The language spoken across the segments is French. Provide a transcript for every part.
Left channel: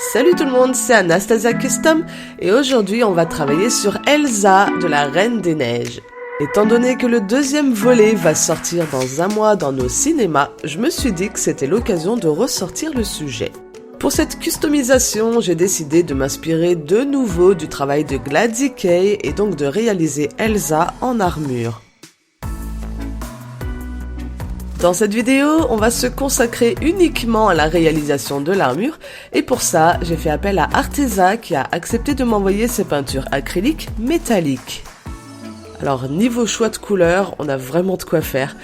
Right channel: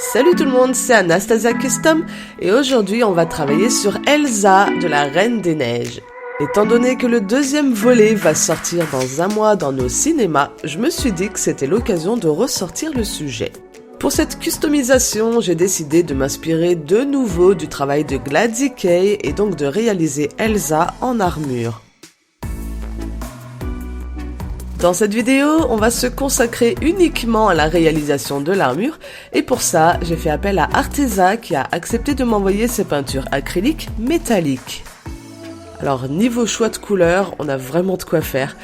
Salut tout le monde, c'est Anastasia Custom et aujourd'hui on va travailler sur Elsa de la Reine des Neiges. Étant donné que le deuxième volet va sortir dans un mois dans nos cinémas, je me suis dit que c'était l'occasion de ressortir le sujet. Pour cette customisation, j'ai décidé de m'inspirer de nouveau du travail de Glady Kay et donc de réaliser Elsa en armure. Dans cette vidéo, on va se consacrer uniquement à la réalisation de l'armure et pour ça, j'ai fait appel à Arteza qui a accepté de m'envoyer ses peintures acryliques métalliques. Alors niveau choix de couleurs, on a vraiment de quoi faire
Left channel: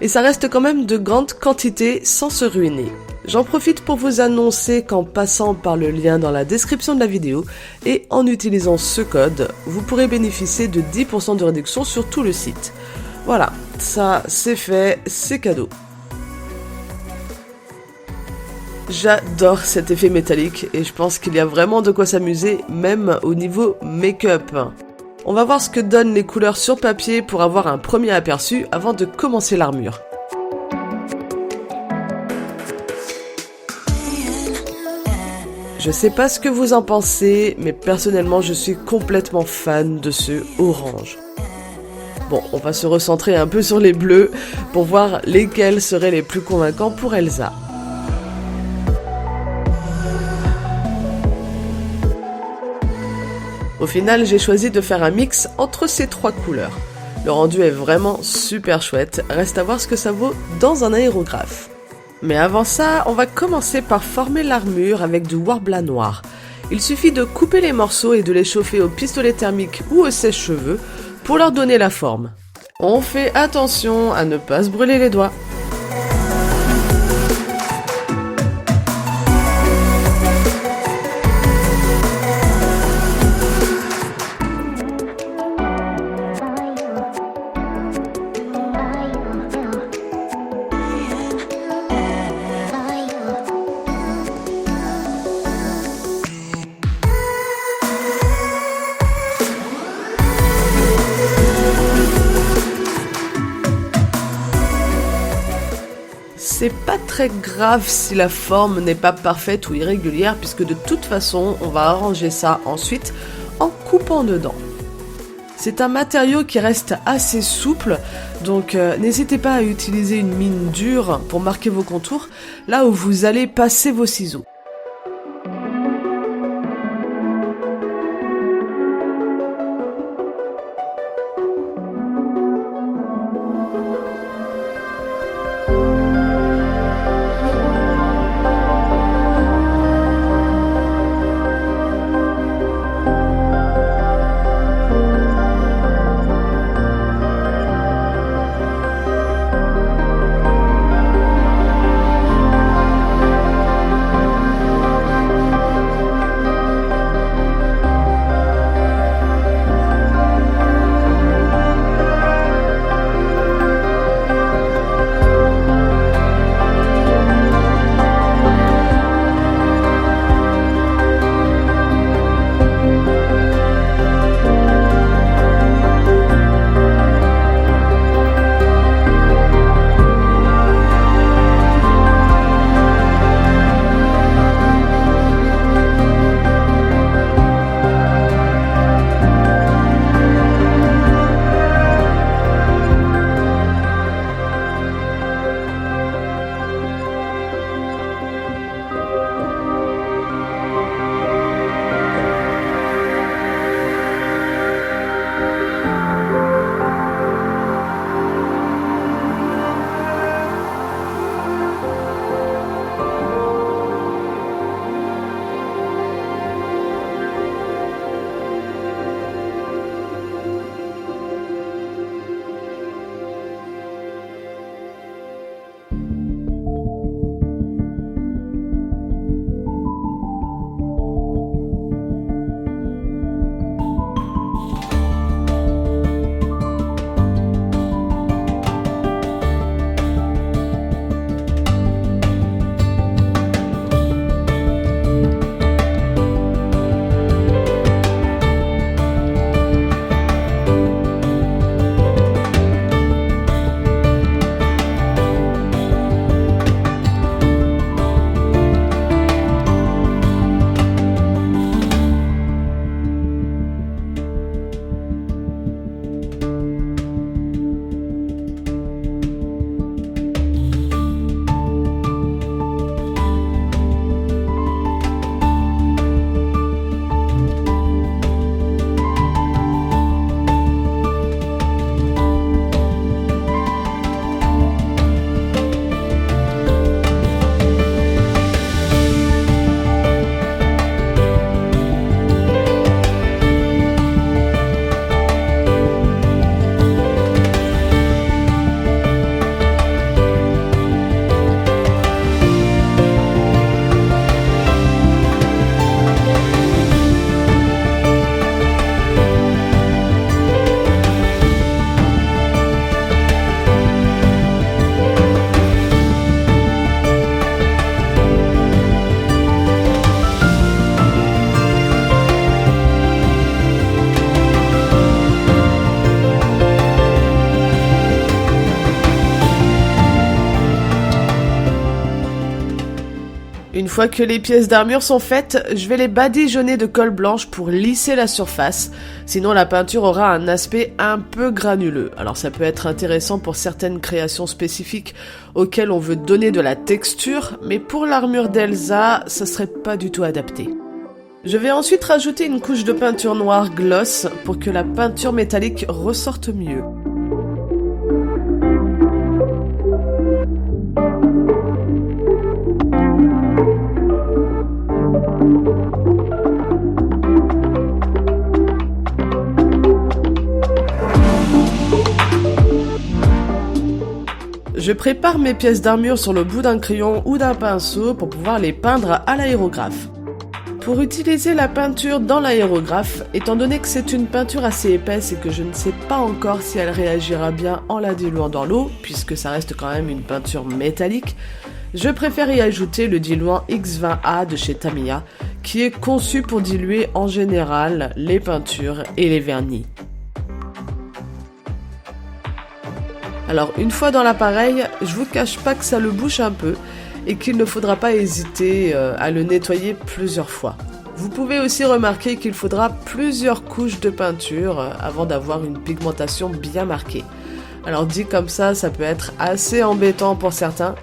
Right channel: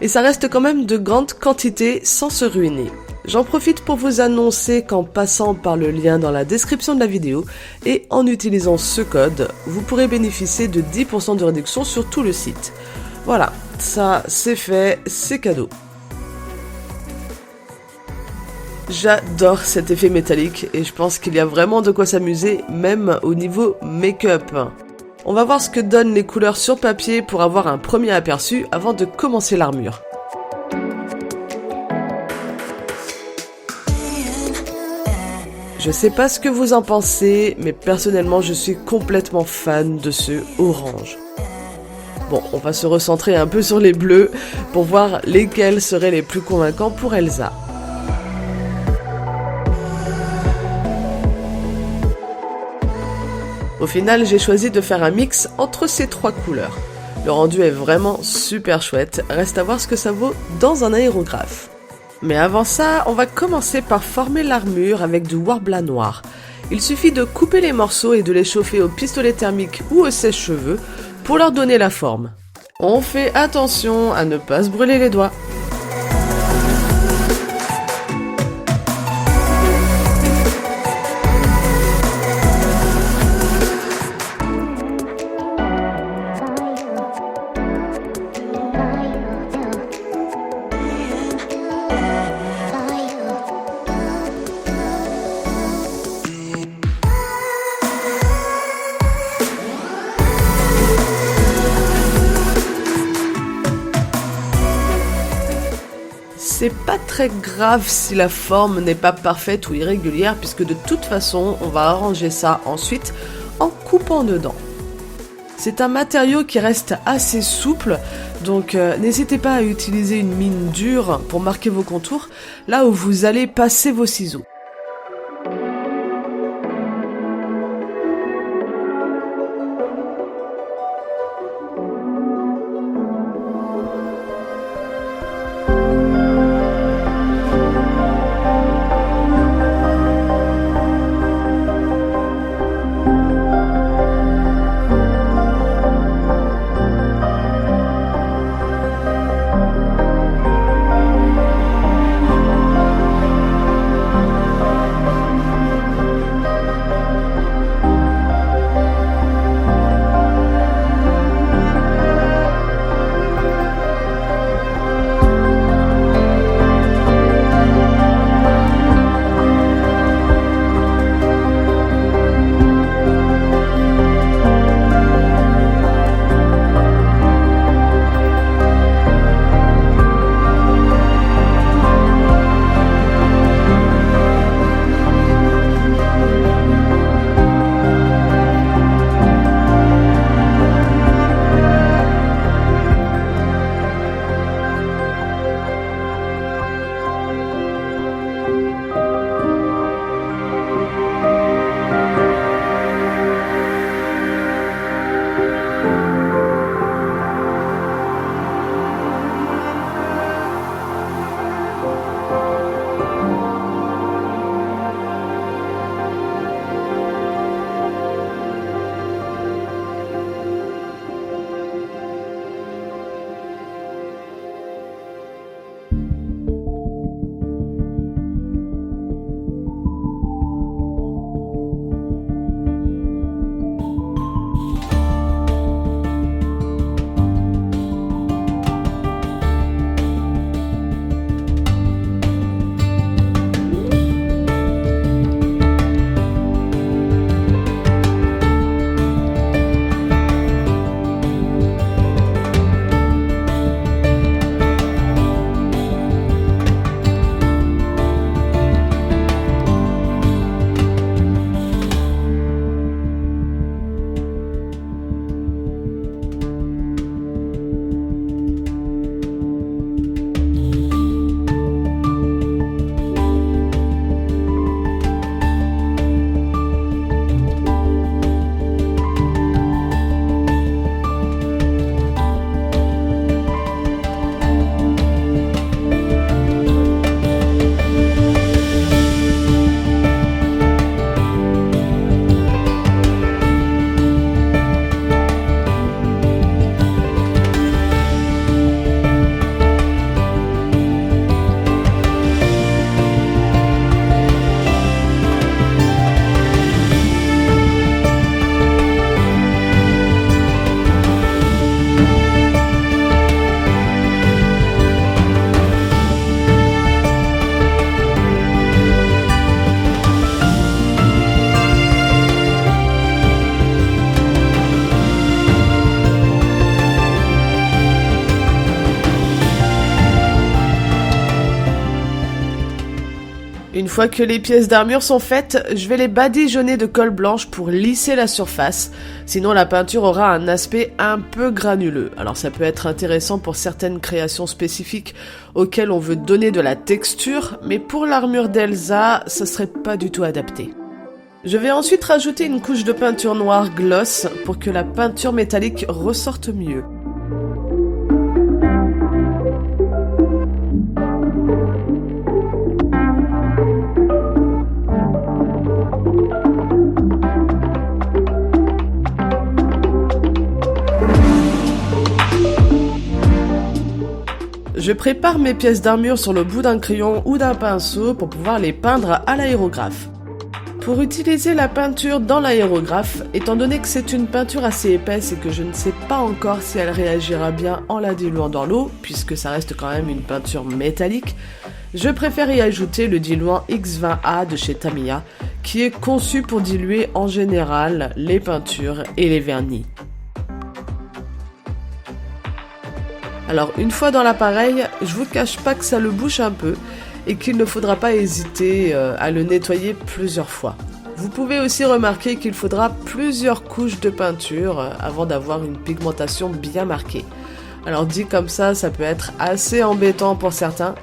et ça reste quand même de grandes quantités sans se ruiner. J'en profite pour vous annoncer qu'en passant par le lien dans la description de la vidéo et en utilisant ce code, vous pourrez bénéficier de 10% de réduction sur tout le site. Voilà, ça c'est fait, c'est cadeau. J'adore cet effet métallique et je pense qu'il y a vraiment de quoi s'amuser, même au niveau make-up. On va voir ce que donnent les couleurs sur papier pour avoir un premier aperçu avant de commencer l'armure. Je sais pas ce que vous en pensez, mais personnellement je suis complètement fan de ce orange. Bon, on va se recentrer un peu sur les bleus pour voir lesquels seraient les plus convaincants pour Elsa. Au final, j'ai choisi de faire un mix entre ces trois couleurs. Le rendu est vraiment super chouette, reste à voir ce que ça vaut dans un aérographe. Mais avant ça, on va commencer par former l'armure avec du Worbla noir. Il suffit de couper les morceaux et de les chauffer au pistolet thermique ou au sèche-cheveux pour leur donner la forme. On fait attention à ne pas se brûler les doigts. C'est pas très grave si la forme n'est pas parfaite ou irrégulière puisque de toute façon on va arranger ça ensuite en coupant dedans. C'est un matériau qui reste assez souple donc n'hésitez pas à utiliser une mine dure pour marquer vos contours là où vous allez passer vos ciseaux. Une fois que les pièces d'armure sont faites, je vais les badigeonner de colle blanche pour lisser la surface. Sinon la peinture aura un aspect un peu granuleux. Alors ça peut être intéressant pour certaines créations spécifiques auxquelles on veut donner de la texture, mais pour l'armure d'Elsa, ça serait pas du tout adapté. Je vais ensuite rajouter une couche de peinture noire gloss pour que la peinture métallique ressorte mieux. Je prépare mes pièces d'armure sur le bout d'un crayon ou d'un pinceau pour pouvoir les peindre à l'aérographe. Pour utiliser la peinture dans l'aérographe, étant donné que c'est une peinture assez épaisse et que je ne sais pas encore si elle réagira bien en la diluant dans l'eau, puisque ça reste quand même une peinture métallique, je préfère y ajouter le diluant X20A de chez Tamiya, qui est conçu pour diluer en général les peintures et les vernis. Alors une fois dans l'appareil, je vous cache pas que ça le bouche un peu et qu'il ne faudra pas hésiter à le nettoyer plusieurs fois. Vous pouvez aussi remarquer qu'il faudra plusieurs couches de peinture avant d'avoir une pigmentation bien marquée. Alors dit comme ça peut être assez embêtant pour certains,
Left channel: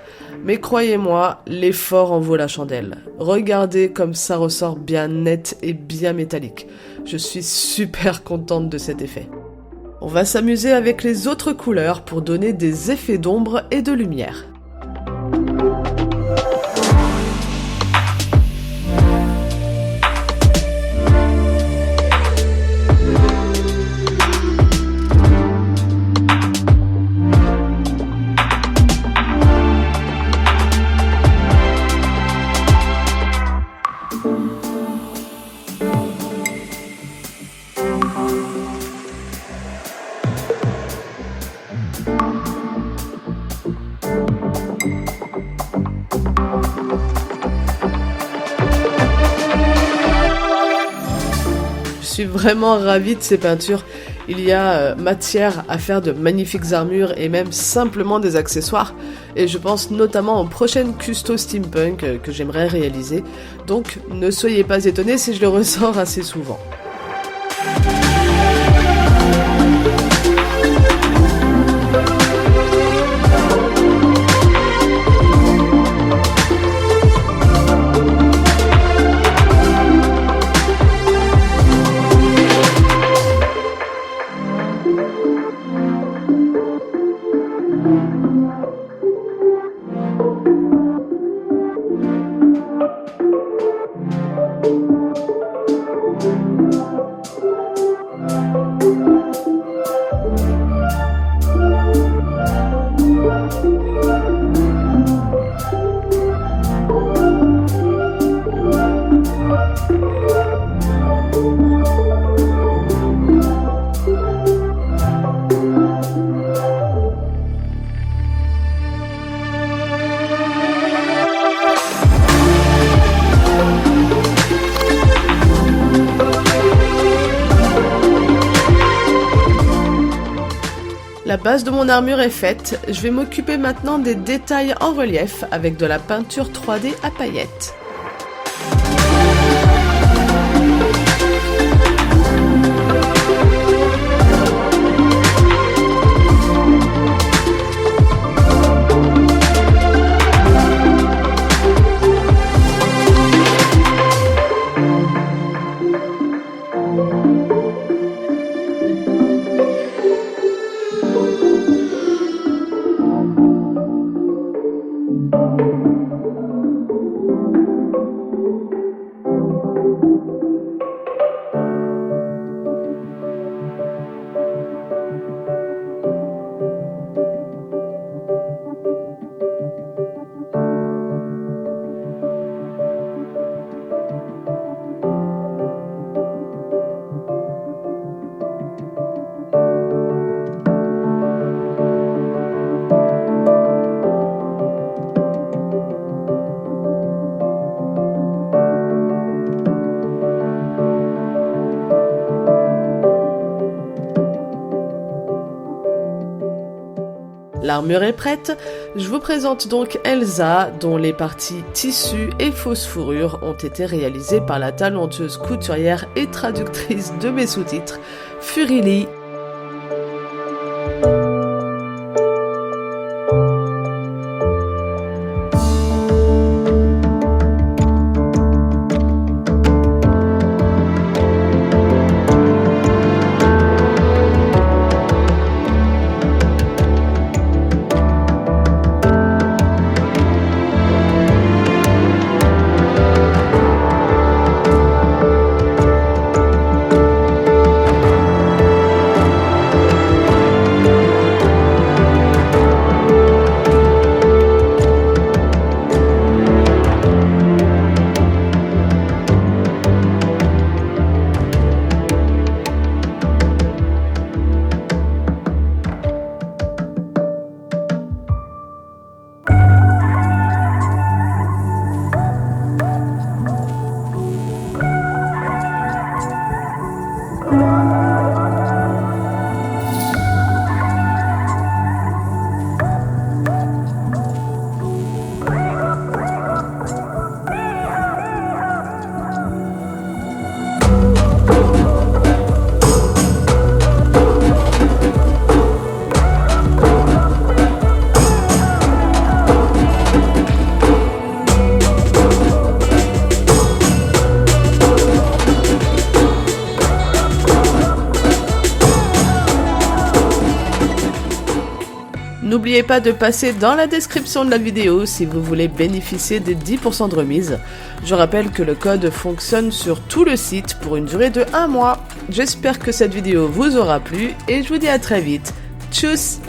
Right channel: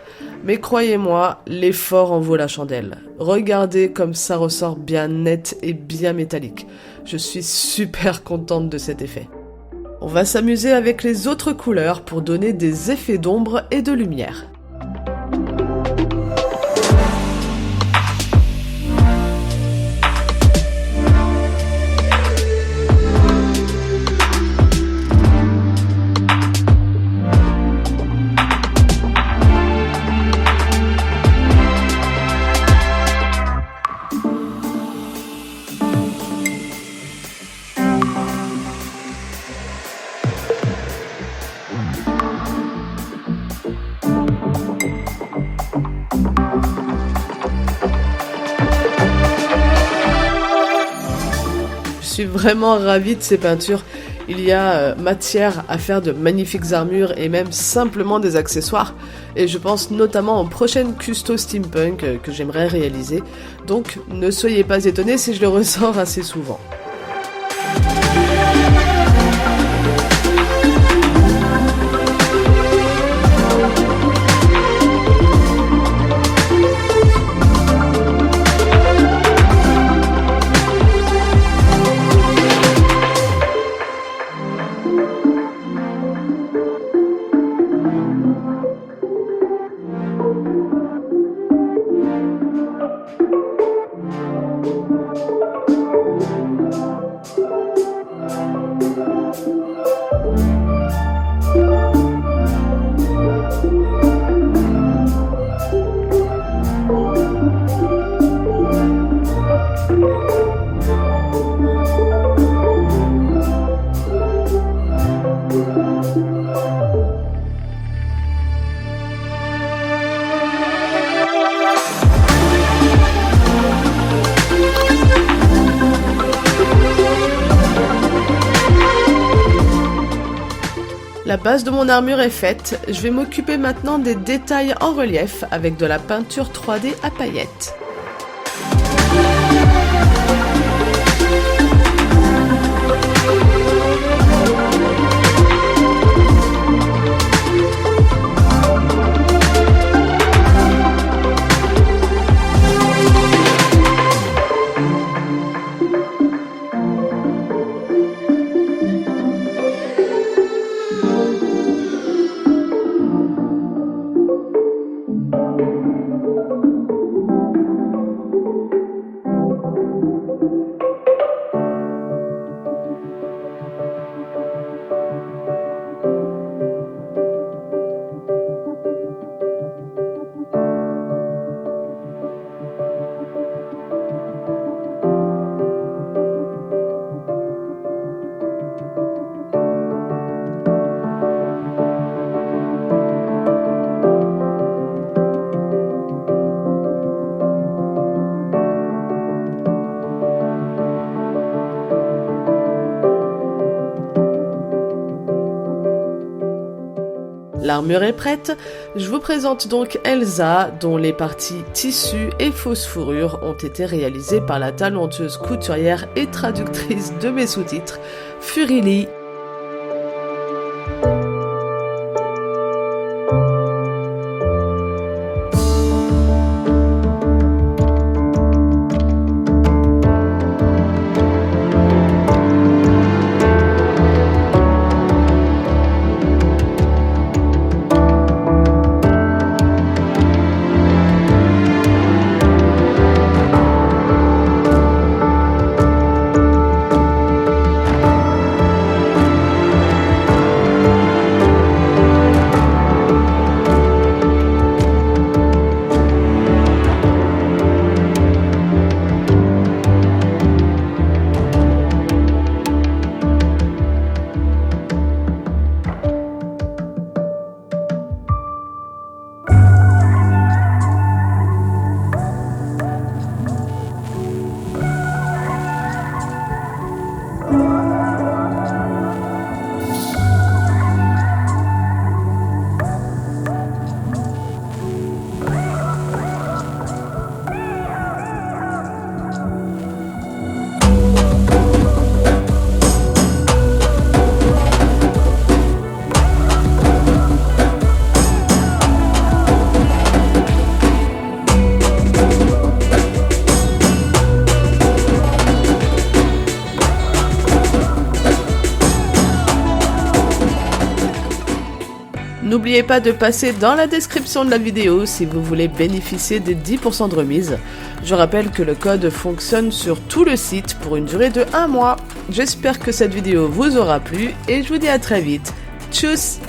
mais croyez-moi, l'effort en vaut la chandelle. Regardez comme ça ressort bien net et bien métallique. Je suis super contente de cet effet. On va s'amuser avec les autres couleurs pour donner des effets d'ombre et de lumière. Je suis vraiment ravie de ces peintures. Il y a matière à faire de magnifiques armures et même simplement des accessoires. Et je pense notamment aux prochaines custo steampunk que j'aimerais réaliser. Donc ne soyez pas étonnés si je le ressors assez souvent. La base de mon armure est faite, je vais m'occuper maintenant des détails en relief avec de la peinture 3D à paillettes. L'armure est prête, je vous présente donc Elsa, dont les parties tissu et fausse fourrure ont été réalisées par la talentueuse couturière et traductrice de mes sous-titres, Furili. N'oubliez pas de passer dans la description de la vidéo si vous voulez bénéficier des 10% de remise. Je rappelle que le code fonctionne sur tout le site pour une durée de 1 mois. J'espère que cette vidéo vous aura plu et je vous dis à très vite. Tchuss!